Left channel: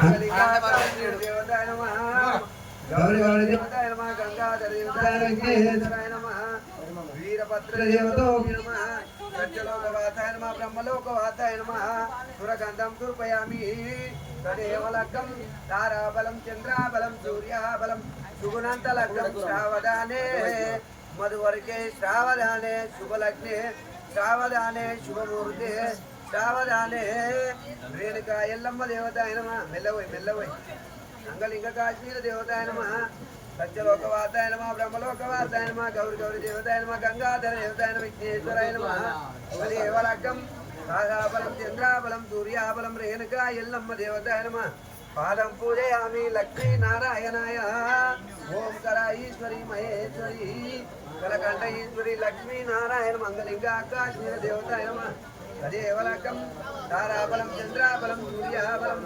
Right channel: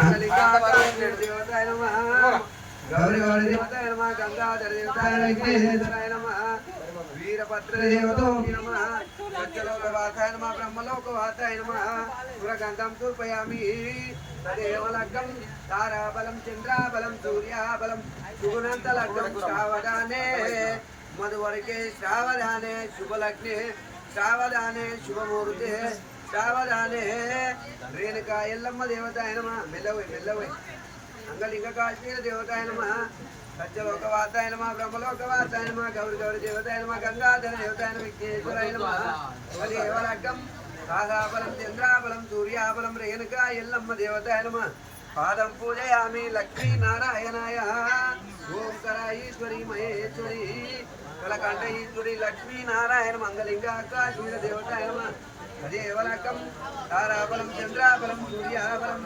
देवताय नमः गौरी गौरी देवताय नमः गंगाधर देवताय नमः वीरभद्र देवताय नमः सत्यलोकवासाय नमः ब्रह्मलोकवासाय नमः सुरगन्धं सूर्पयामि तदेव लग्नं ताराबलं चन्द्राबलं सूर्याबलं सुगुणन्तलग्नं श्रावधाने मधुवर्गे श्रावधाने शुभलग्ने श्रावधाने शुभमुहूर्ते श्रावधाने रेणुका एल्लम्म देवताय नमः मेल्लवै अंगलिंग काश्मीर देवताय नमः सत्यलोकवासाय नमः ब्रह्मलोकवासाय नमः गौरी गौरी देवताय नमः गंगाधर देवताय नमः विघ्नेश्वराय नमः तदेव लग्नं ताराबलं चन्द्राबलं सूर्याबलं रेणुका एल्लम्म देवताय नमः पादं पूजयामि लक्ष्मी नारायणाय ओंकार ईश्वरी महेश्वरी कलकंठ ईश्वरी लक्ष्मी नारायण मंगलिंगा काश्मीर देवताय नमः तदेव लग्नं ताराबलं चन्द्राबलं सूर्याबलं